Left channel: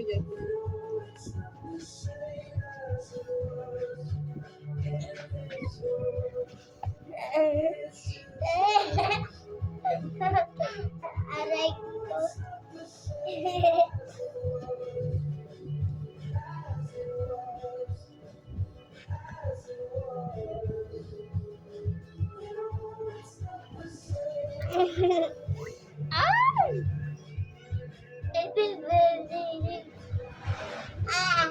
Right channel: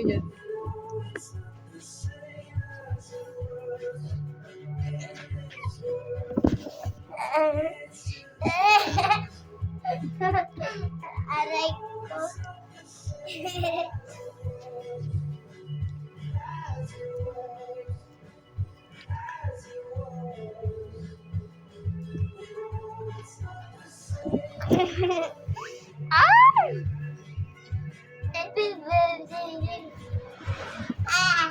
mo dyan. Aray ko. Ay! Happy birthday. Ah!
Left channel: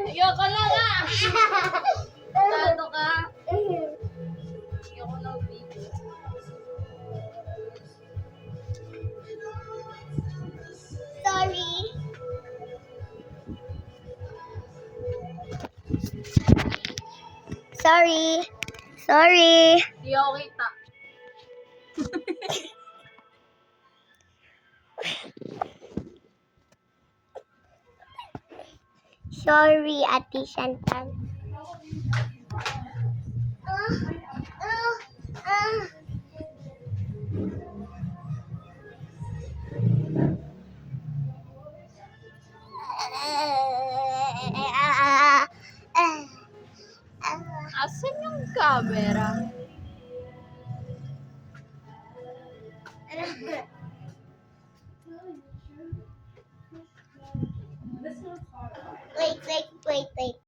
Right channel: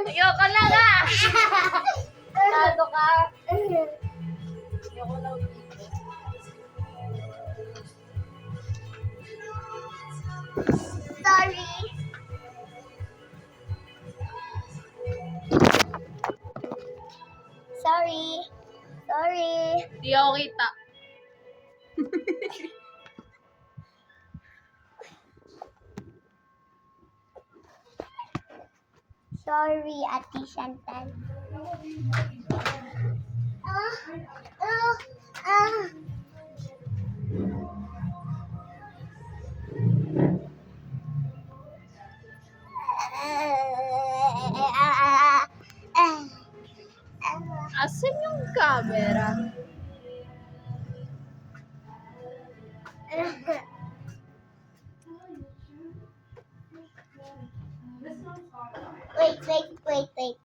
Ayoko na nga! Tado ka. Ayoko na video. Sorry. Sorry. Sorry. Di ako kita. Sorry, Ate Chantal. Asan yung camera? Wait.